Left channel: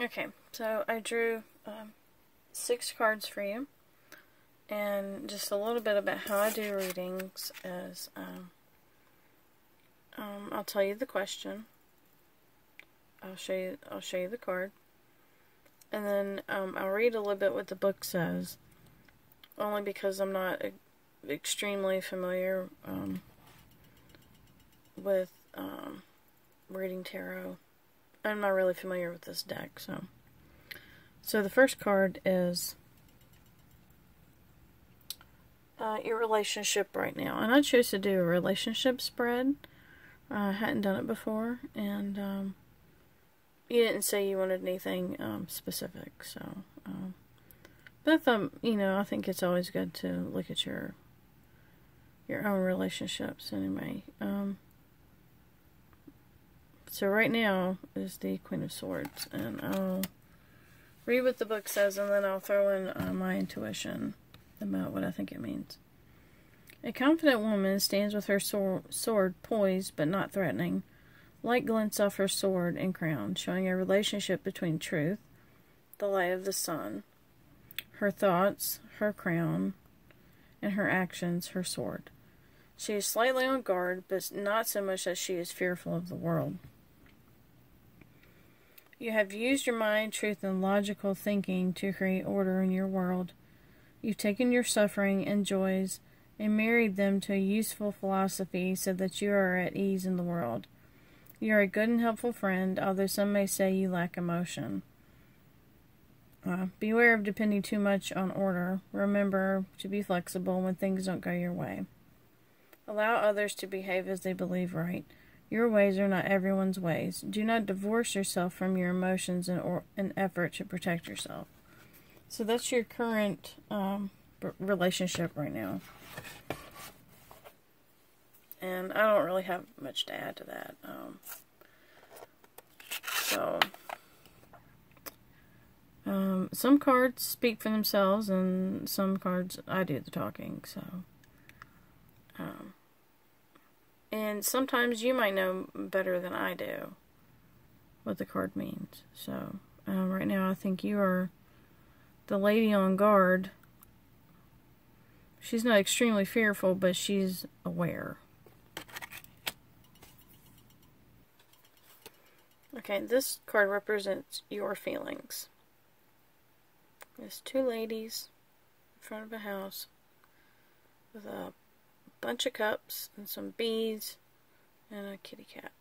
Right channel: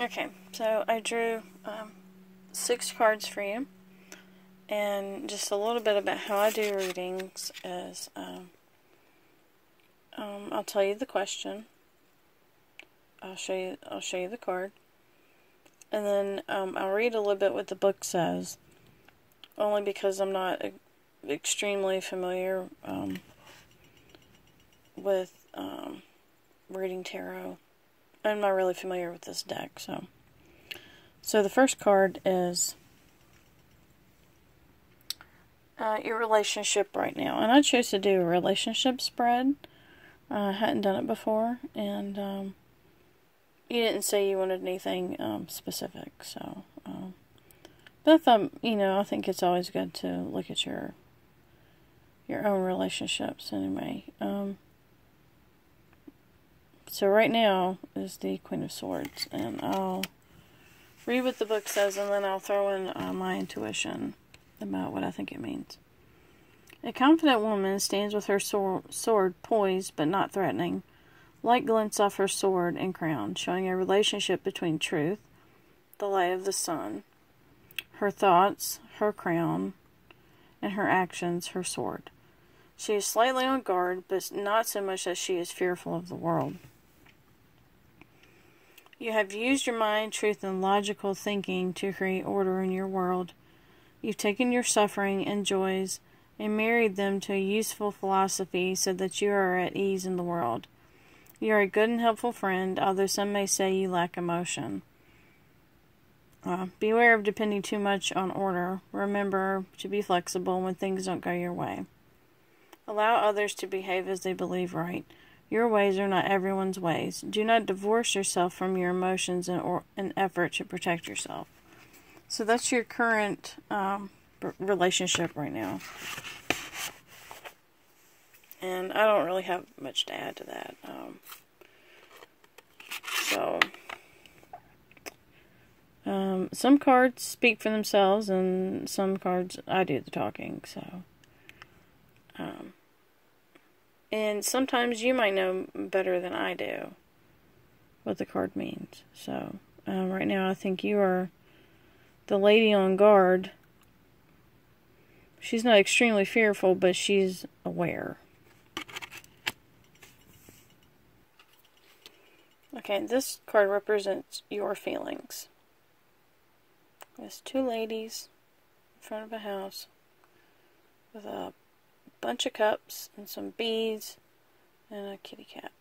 Okay, so I drew 6 cards for you, and just a little bit about how I do readings is I'll tell you the question. I'll show you the card, and then I'll read a little bit what the book says, only because I'm not extremely familiar with reading tarot. I'm not really familiar with this deck, so the first card is your relationship right now, and I chose to do a relationship spread. I hadn't done it before, and you didn't say you wanted anything specific, so but I thought, I think it's always good to look at your own relationships anyway. So right now is the Queen of Swords, and I'll read what the book says, and then I'll throw in my intuition about what I think it means. A confident woman stands with her sword poised but not threatening. Light glints off her sword and crown, showing a relationship between truth, the light of the sun, her thoughts, her crown, and her actions, her sword. She is slightly on guard, but not so much that she is fearful of the world. You have used your mind, truth, and logical thinking to create order in your world. You've taken your suffering and joys and married them to a useful philosophy so that you are at ease in the world. You are a good and helpful friend, although some may say you lack emotion. Beware of depending too much on order. Remember to be flexible when things don't go your way. Allow others to behave as they believe right. Your ways are not everyone's ways. Do not divorce yourself from your emotions in an effort to protect yourself. So that's your current relationship right now. And I don't really have much to add to that. Some cards speak for themselves, and some cards I do the talking. And sometimes you might know better than I do what the card means. So, right now I think you are the lady on guard. She's not extremely fearful, but she's aware. Okay, this card represents your feelings. There's 2 ladies in front of a house with a bunch of cups and some bees and a kitty cat.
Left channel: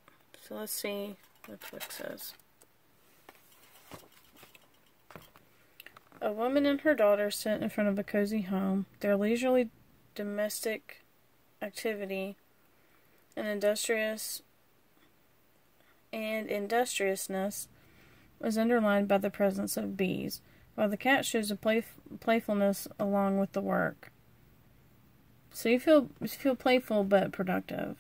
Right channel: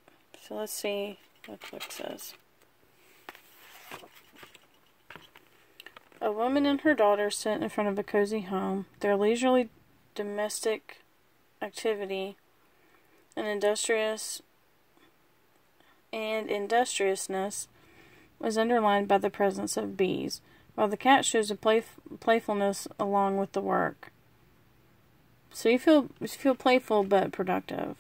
So let's see what the book says. A woman and her daughter sit in front of a cozy home. Their leisurely domestic activity and industriousness was underlined by the presence of bees, while the cat shows a playfulness along with the work. So you feel playful but productive.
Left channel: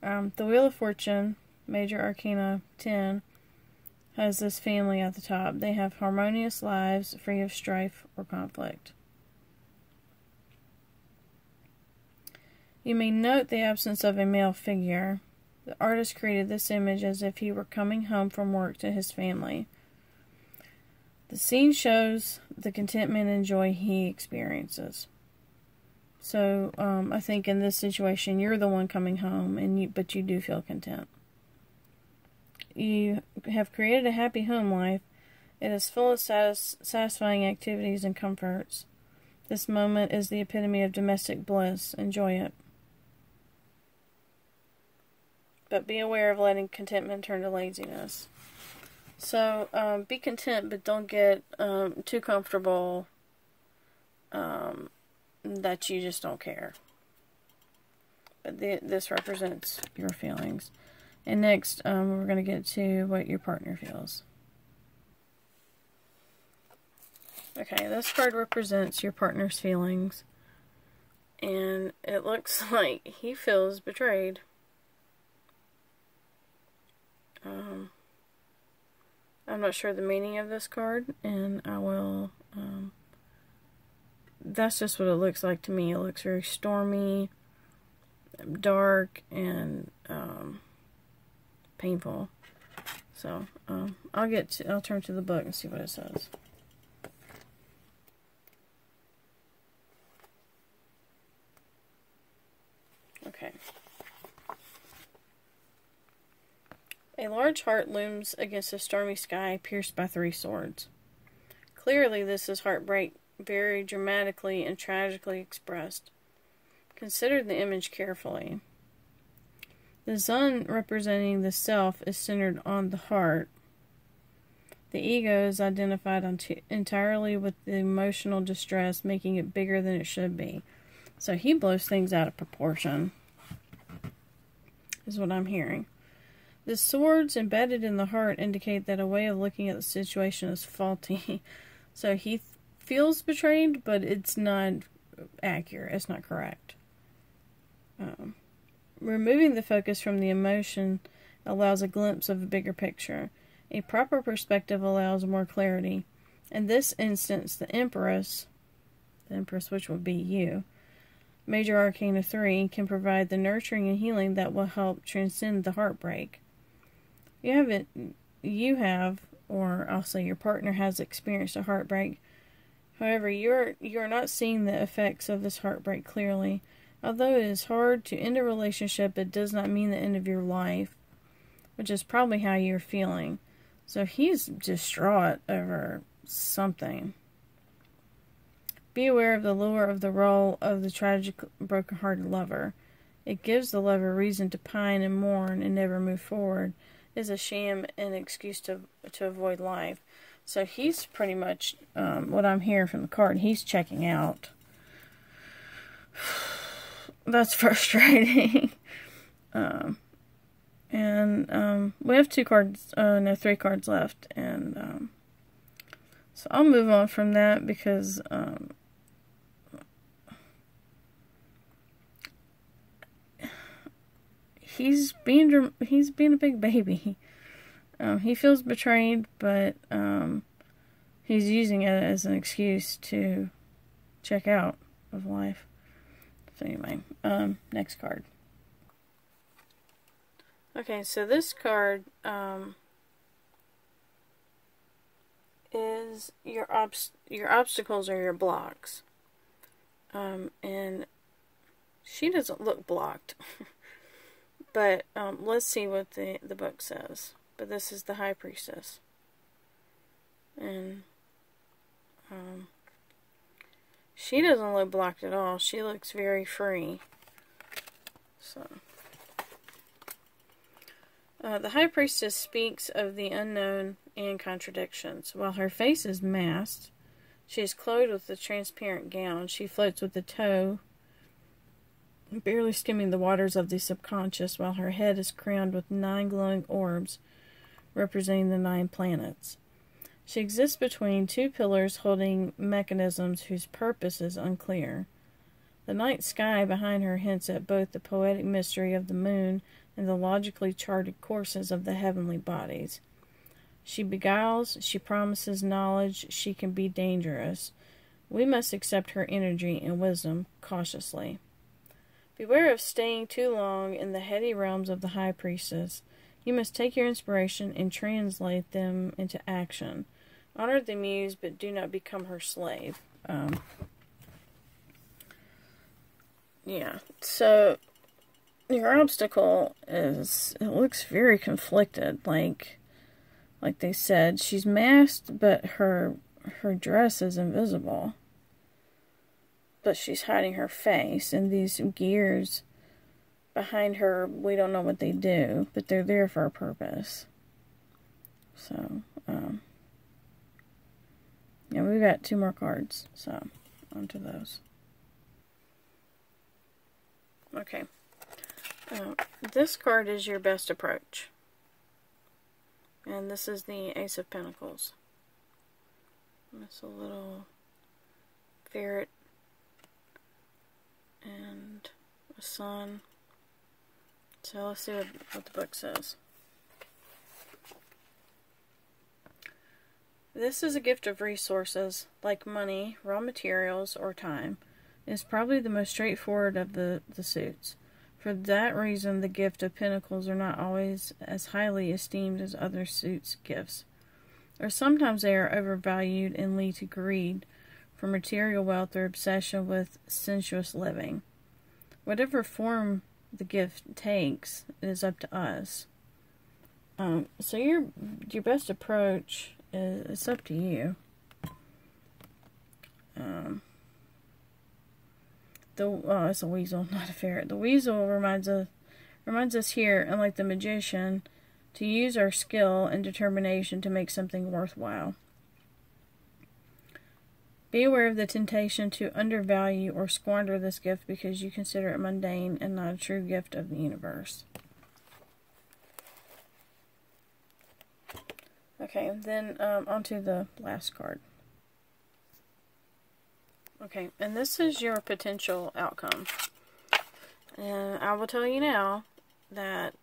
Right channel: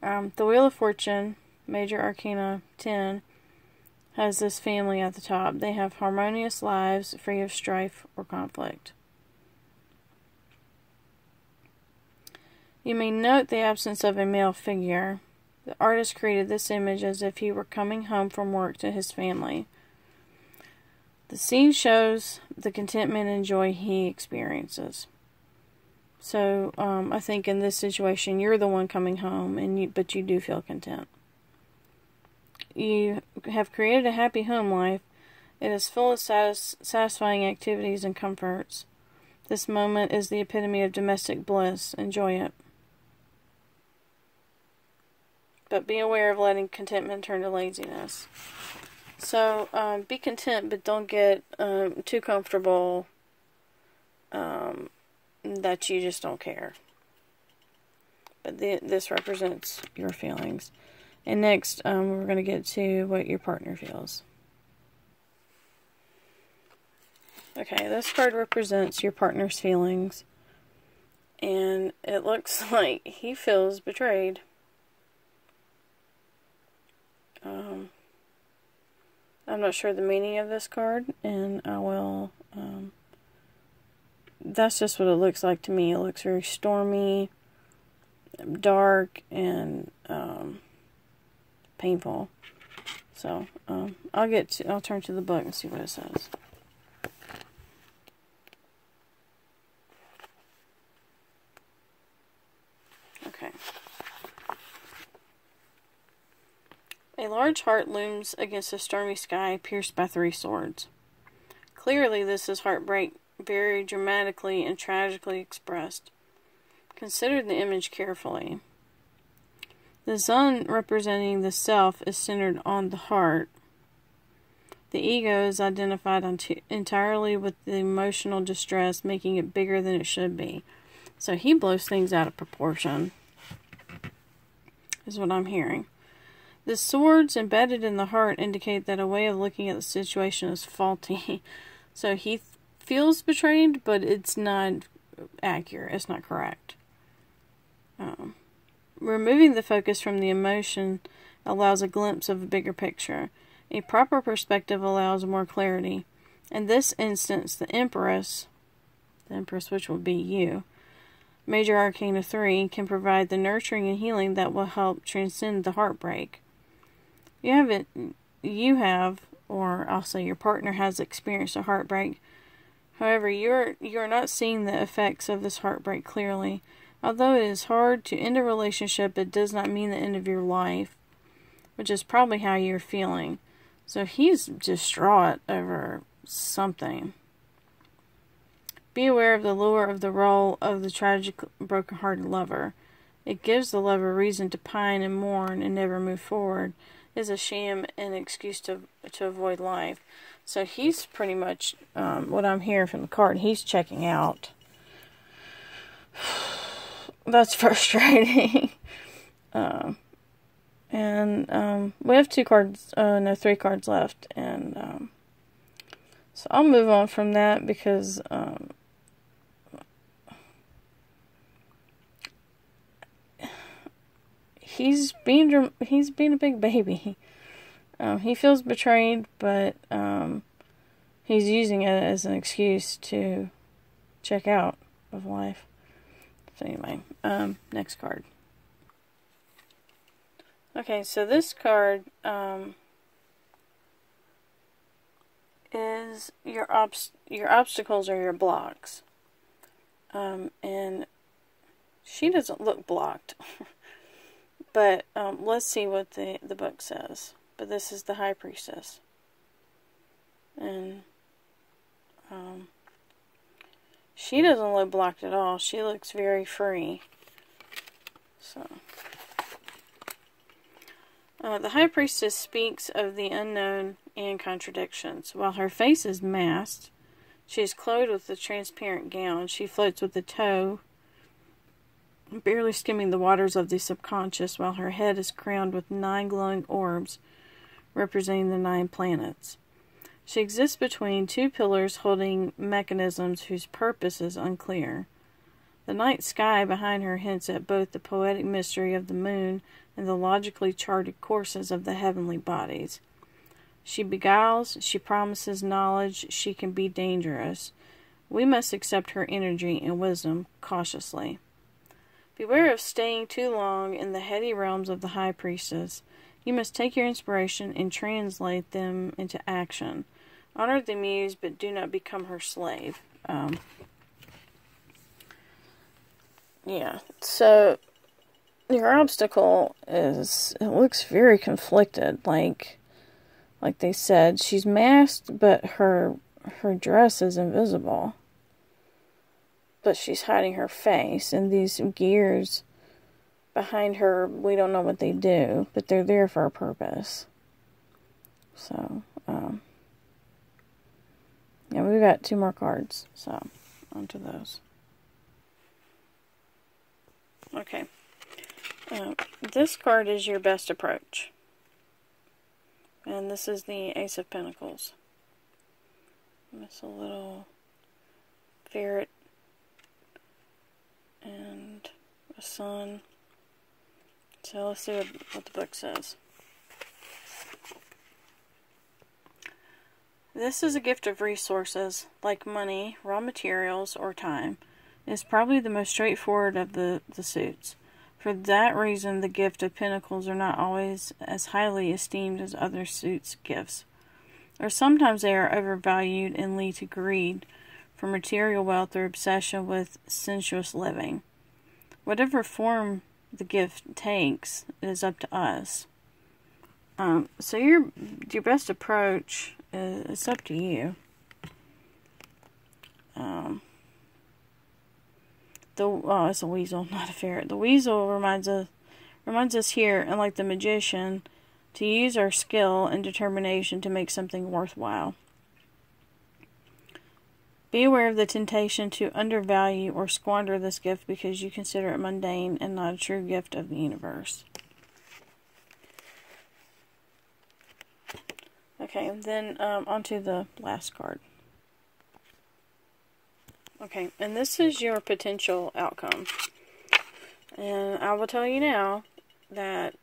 The Wheel of Fortune, Major Arcana 10, has this family at the top. They have harmonious lives, free of strife or conflict. You may note the absence of a male figure. The artist created this image as if he were coming home from work to his family. The scene shows the contentment and joy he experiences. So, I think in this situation, you're the one coming home, but you do feel content. You have created a happy home life. It is full of satisfying activities and comforts. This moment is the epitome of domestic bliss. Enjoy it. But be aware of letting contentment turn to laziness. So, be content, but don't get too comfortable that you just don't care. But this represents your feelings. And next, we're going to get to what your partner feels. Okay, this card represents your partner's feelings. And it looks like he feels betrayed. I'm not sure the meaning of this card, and I will, that's just what it looks like to me. It looks very stormy, dark, and painful. So, I'll turn to the book and see what it says. Okay. A large heart looms against a stormy sky, pierced by 3 swords. Clearly, this is heartbreak, very dramatically and tragically expressed. Consider the image carefully. The sun, representing the self, is centered on the heart. The ego is identified entirely with the emotional distress, making it bigger than it should be. So he blows things out of proportion, is what I'm hearing. The swords embedded in the heart indicate that a way of looking at the situation is faulty. So he feels betrayed, but it's not accurate. It's not correct. Removing the focus from the emotion allows a glimpse of a bigger picture. A proper perspective allows more clarity. In this instance, the Empress, which would be you, Major Arcana 3, can provide the nurturing and healing that will help transcend the heartbreak. You have, or I'll say your partner has experienced a heartbreak. However, you're not seeing the effects of this heartbreak clearly. Although it is hard to end a relationship, it does not mean the end of your life, which is probably how you're feeling. So he's distraught over something. Be aware of the lure of the role of the tragic, broken-hearted lover. It gives the lover reason to pine and mourn and never move forward. It is a sham and excuse to avoid life. So he's pretty much, what I'm hearing from the card, he's checking out. That's frustrating. We have 3 cards left, and so I'll move on from that because he's being a big baby. He feels betrayed, but he's using it as an excuse to check out of life. So anyway, next card. Okay, so this card is your obstacles or your blocks. And she doesn't look blocked. But let's see what the book says. But this is the High Priestess. And she doesn't look blocked at all. She looks very free. So the High Priestess speaks of the unknown and contradictions. While her face is masked, she is clothed with a transparent gown. She floats with the toe, barely skimming the waters of the subconscious, while her head is crowned with 9 glowing orbs, representing the 9 planets. She exists between 2 pillars holding mechanisms whose purpose is unclear. The night sky behind her hints at both the poetic mystery of the moon and the logically charted courses of the heavenly bodies. She beguiles, she promises knowledge, she can be dangerous. We must accept her energy and wisdom cautiously. Beware of staying too long in the heady realms of the High Priestess. You must take your inspiration and translate them into action. Honor the muse, but do not become her slave. Yeah, so your obstacle is, it looks very conflicted. Like they said, she's masked, but her dress is invisible. But she's hiding her face, and these gears behind her, we don't know what they do, but they're there for a purpose. So, yeah, we've got 2 more cards, so onto those. Okay. This card is your best approach. And this is the Ace of Pentacles. It's a little ferret and a sun. So let's see what the book says. This is a gift of resources, like money, raw materials, or time. It is probably the most straightforward of the suits. For that reason, the gift of pentacles are not always as highly esteemed as other suits' gifts. Or sometimes they are overvalued and lead to greed for material wealth or obsession with sensuous living. Whatever form the gift takes, it is up to us. So your best approach is up to you. It's a weasel, not a ferret. The weasel reminds us here, unlike the magician, to use our skill and determination to make something worthwhile. Be aware of the temptation to undervalue or squander this gift because you consider it mundane and not a true gift of the universe. Okay, then on to the last card. Okay, and this is your potential outcome. And I will tell you now that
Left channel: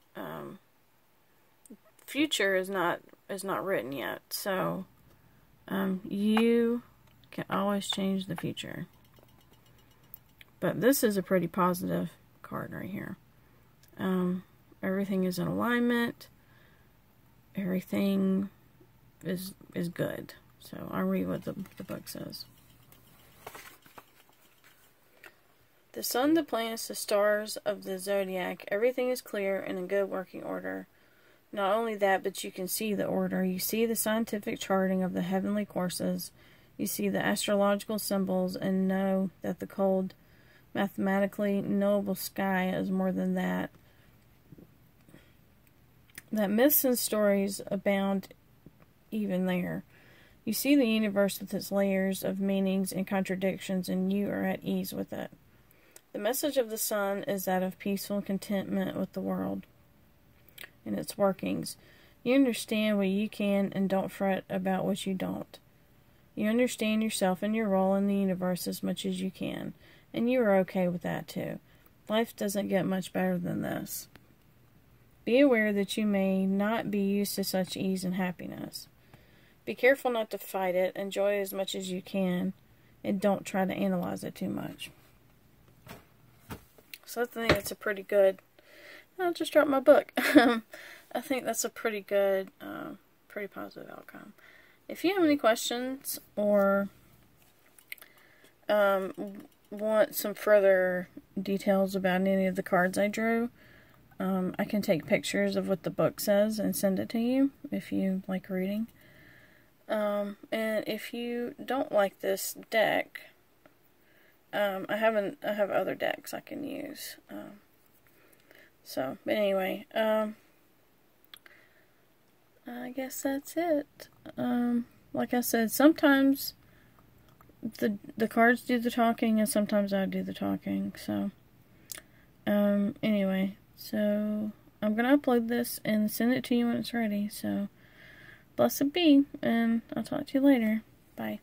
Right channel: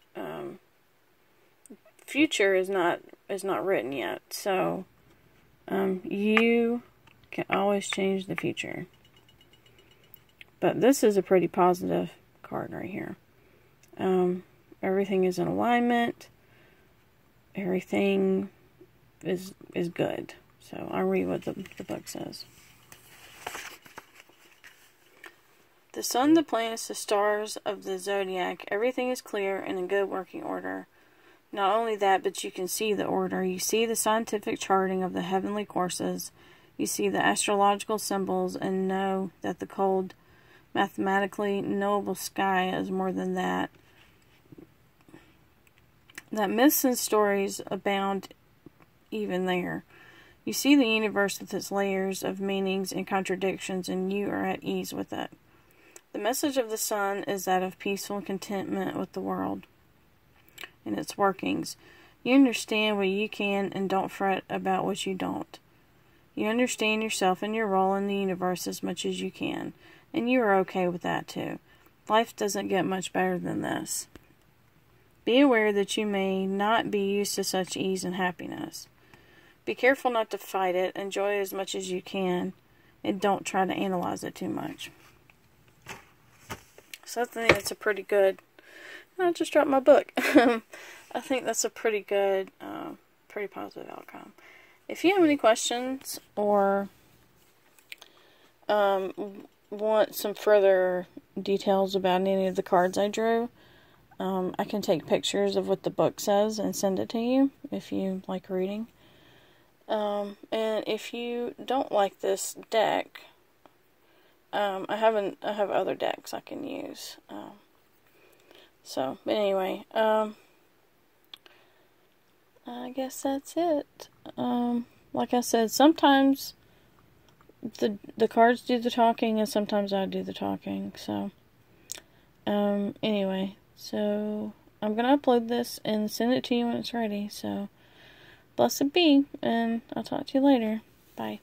future is not written yet. So you can always change the future. But this is a pretty positive card right here. Everything is in alignment. Everything is good. So I'll read what the book says. The sun, the planets, the stars of the zodiac, everything is clear and in good working order. Not only that, but you can see the order. You see the scientific charting of the heavenly courses. You see the astrological symbols and know that the cold, mathematically knowable sky is more than that. That myths and stories abound even there. You see the universe with its layers of meanings and contradictions, and you are at ease with it. The message of the sun is that of peaceful contentment with the world and its workings. You understand what you can and don't fret about what you don't. You understand yourself and your role in the universe as much as you can, and you are okay with that too. Life doesn't get much better than this. Be aware that you may not be used to such ease and happiness. Be careful not to fight it. Enjoy it as much as you can, and don't try to analyze it too much. So I think that's a pretty good... I just dropped my book. I think that's a pretty good, pretty positive outcome. If you have any questions or want some further details about any of the cards I drew, I can take pictures of what the book says and send it to you if you like reading. And if you don't like this deck, I have other decks I can use. But anyway, I guess that's it. Like I said, sometimes the cards do the talking and sometimes I do the talking. So, anyway, so I'm going to upload this and send it to you when it's ready. So, blessed be, and I'll talk to you later. Bye.